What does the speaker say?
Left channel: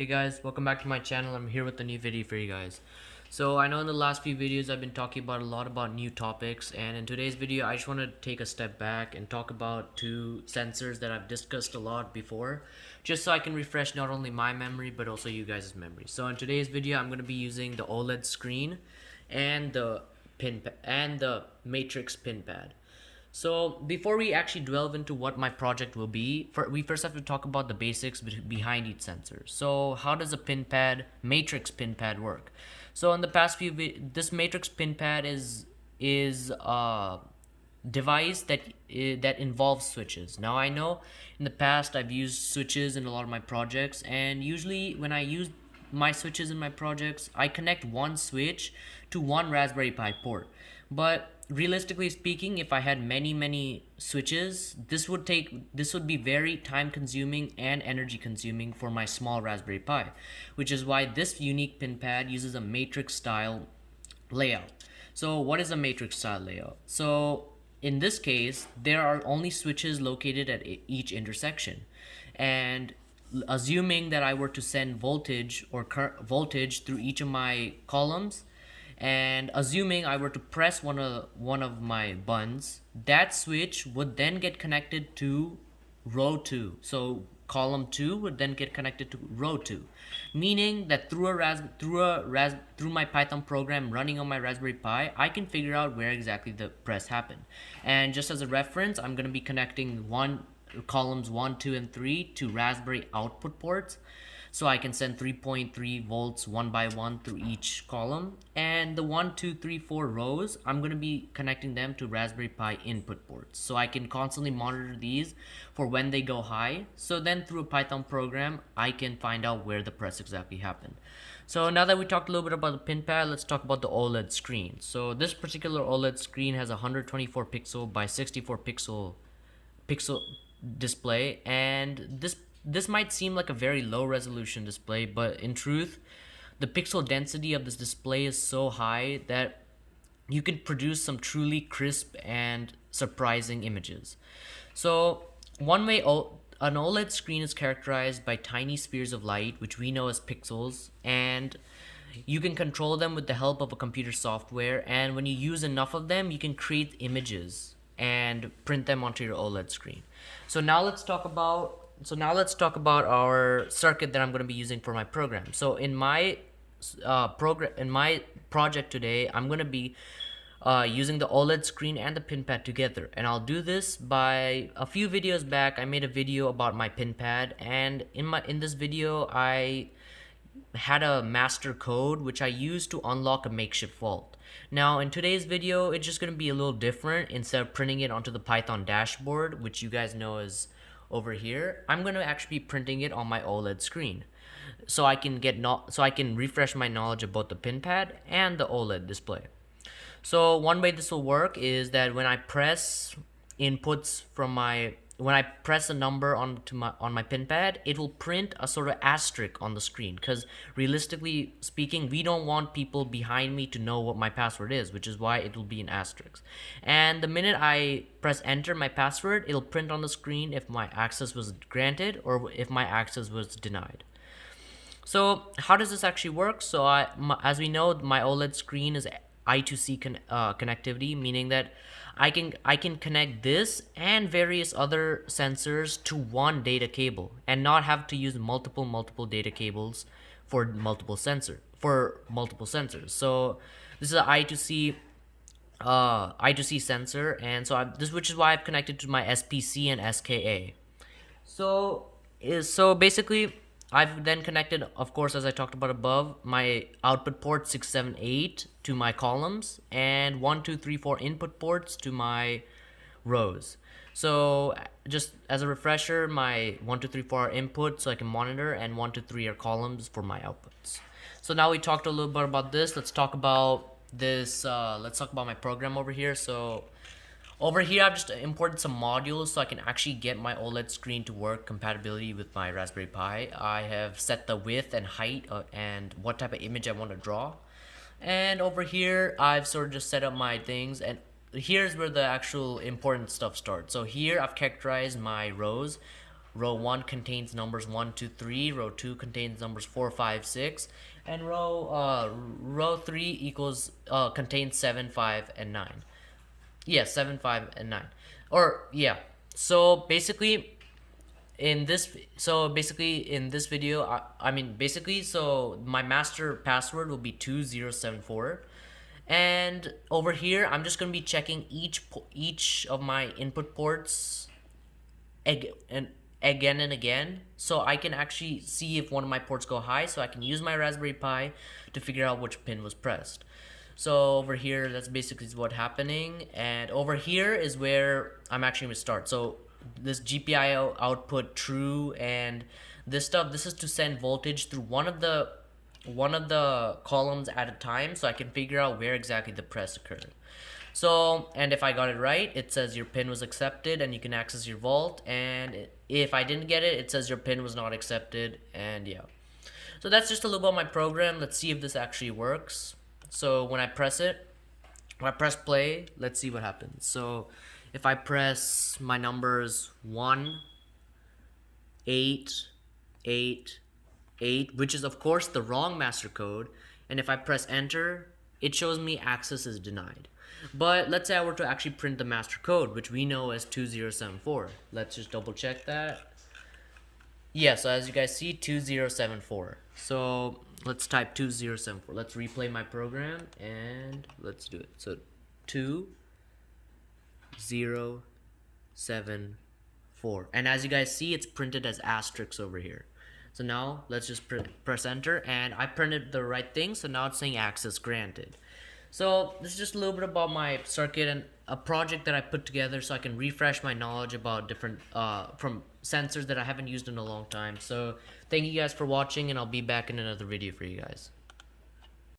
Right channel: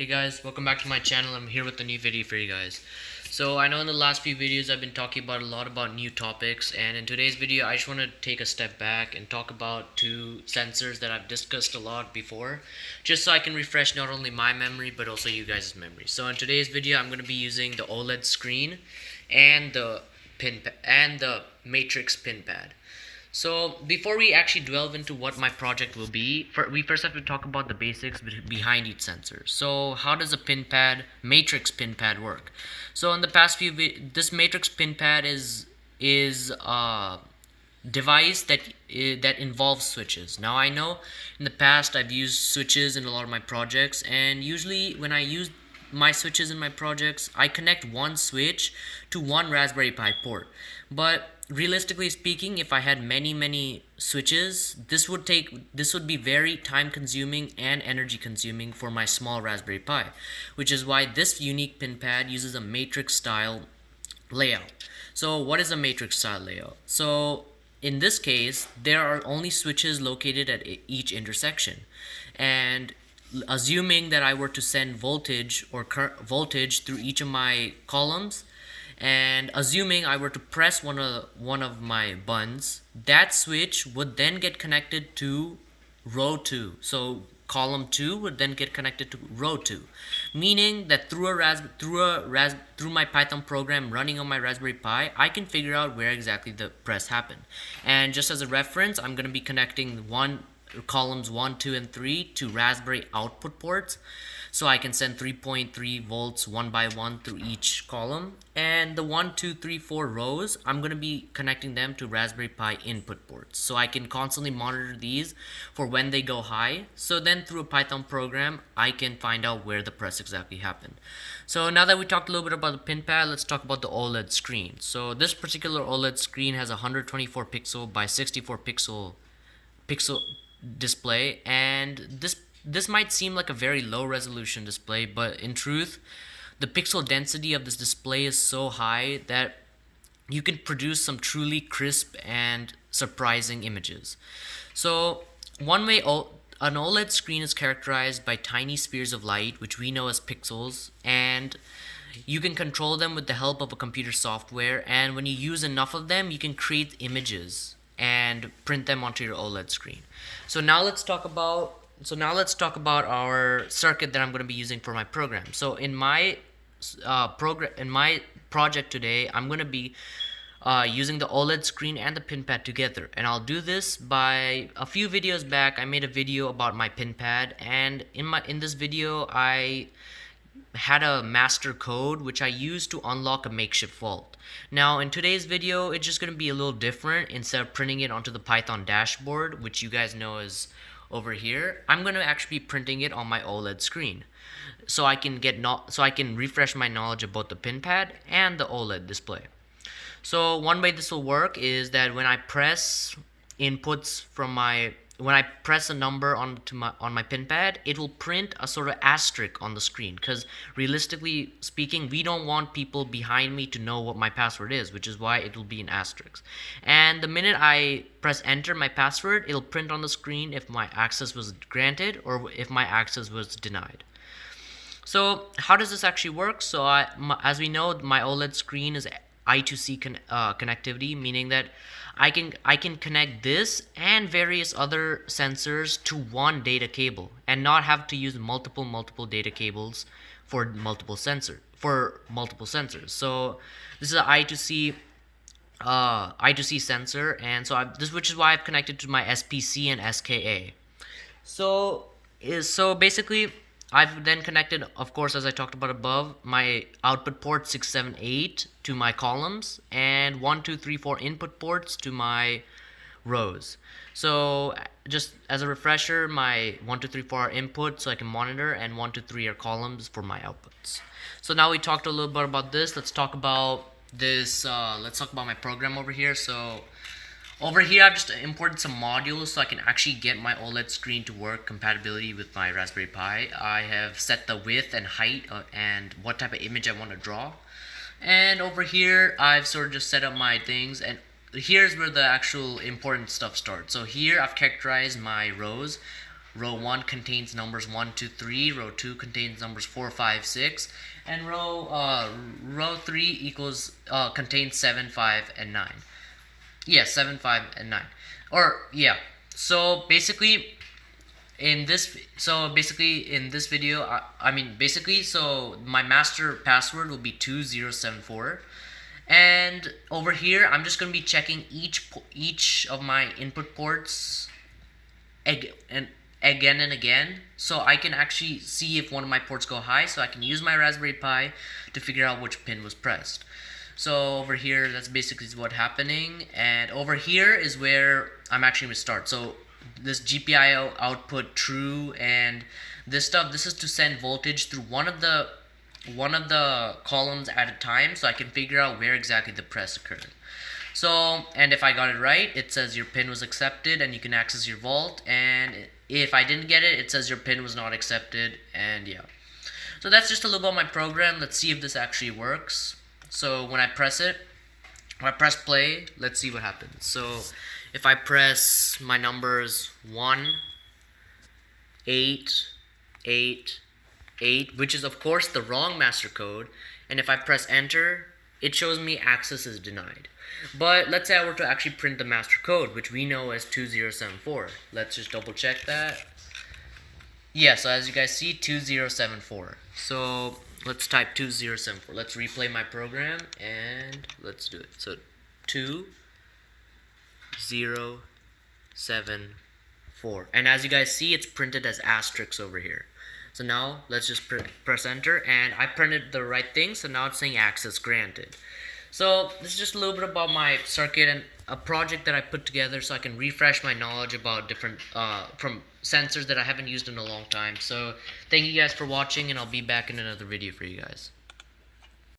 Hey guys, welcome back to my channel. I'm here with a new video for you guys. So I know in the last few videos I've been talking about a lot about new topics, and in today's video I just want to take a step back and talk about two sensors that I've discussed a lot before, just so I can refresh not only my memory but also you guys' memory. So in today's video I'm going to be using the OLED screen and the matrix pin pad. So before we actually delve into what my project will be, we first have to talk about the basics behind each sensor. So how does a pin pad, matrix pin pad work? So in the past this matrix pin pad is a device that involves switches. Now I know in the past I've used switches in a lot of my projects, and usually when I use my switches in my projects, I connect one switch to one Raspberry Pi port. But realistically speaking, if I had many switches, this would be very time consuming and energy consuming for my small Raspberry Pi, which is why this unique pin pad uses a matrix style layout. So what is a matrix style layout? So in this case, there are only switches located at each intersection, and assuming that I were to send voltage or voltage through each of my columns, and assuming I were to press one of my buttons, that switch would then get connected to row 2. So column 2 would then get connected to row 2, meaning that through my Python program running on my Raspberry Pi, I can figure out where exactly the press happened. And just as a reference, I'm going to be connecting columns 1, 2, and 3 to Raspberry output ports, so I can send 3.3 volts one by one through each column. And the 1, 2, 3, 4 rows, I'm going to be connecting them to Raspberry Pi input ports, so I can constantly monitor these for when they go high. So then through a Python program, I can find out where the press exactly happened. So now that we talked a little bit about the pin pad, let's talk about the OLED screen. So this particular OLED screen has a 124 pixel by 64 pixel display, and this might seem like a very low resolution display, but in truth, the pixel density of this display is so high that you can produce some truly crisp and surprising images. So one way an OLED screen is characterized by tiny spheres of light, which we know as pixels, and you can control them with the help of a computer software, and when you use enough of them, you can create images and print them onto your OLED screen. So now let's talk about our circuit that I'm going to be using for my program. So in my project today, I'm going to be using the OLED screen and the pin pad together, and I'll do this by a few videos back. I made a video about my pin pad, and in this video I had a master code which I used to unlock a makeshift vault. Now in today's video, it's just going to be a little different. Instead of printing it onto the Python dashboard, which you guys know is over here, I'm going to actually be printing it on my OLED screen, so I can refresh my knowledge about the pin pad and the OLED display. So one way this will work is that when I press a number on my pin pad, it will print a sort of asterisk on the screen, because realistically speaking, we don't want people behind me to know what my password is, which is why it will be an asterisk. And the minute I press enter my password, it'll print on the screen if my access was granted or if my access was denied. So how does this actually work? So as we know, my OLED screen is I2C connectivity, meaning that I can connect this and various other sensors to one data cable and not have to use multiple data cables for multiple sensors. So this is an I2C sensor, and so which is why I've connected to my SPC and SKA. So basically, I've then connected, of course, as I talked about above, my output port 6, 7, 8 to my columns, and 1, 2, 3, 4 input ports to my rows. So just as a refresher, my 1, 2, 3, 4 are input, so I can monitor, and 1, 2, 3 are columns for my outputs. So now we talked a little bit about this. Let's talk about this. Let's talk about my program over here. So over here, I've just imported some modules so I can actually get my OLED screen to work compatibility with my Raspberry Pi. I have set the width and height and what type of image I want to draw. And over here, I've sort of just set up my things, and here's where the actual important stuff starts. So here, I've characterized my rows. row 1 contains numbers 1, 2, 3, row 2 contains numbers 4, 5, 6, and row 3 equals contains 7, 5, and 9. Yeah, 7, 5, and 9. Or yeah. So basically in this video, so my master password will be 2074, and over here I'm just going to be checking each of my input ports again and again, so I can actually see if one of my ports go high, so I can use my Raspberry Pi to figure out which pin was pressed. So over here, that's basically what's happening, and over here is where I'm actually going to start. So this GPIO output true, and this is to send voltage through one of the columns at a time, so I can figure out where exactly the press occurred. So, and if I got it right, it says your pin was accepted and you can access your vault, and if I didn't get it, it says your pin was not accepted, and yeah. So that's just a little about my program. Let's see if this actually works. So when I press play, let's see what happens. So if I press my numbers 1, 8, 8, 8, which is of course the wrong master code, and if I press enter, it shows me access is denied. But let's say I were to actually print the master code, which we know as 2074. Let's just double check that. Yeah, so as you guys see, 2074. So let's type 2074. Let's replay my program and let's do it. So 2074. And as you guys see, it's printed as asterisks over here. So now let's just press enter, and I printed the right thing, so now it's saying access granted. So this is just a little bit about my circuit and a project that I put together so I can refresh my knowledge about different from sensors that I haven't used in a long time. So thank you guys for watching, and I'll be back in another video for you guys.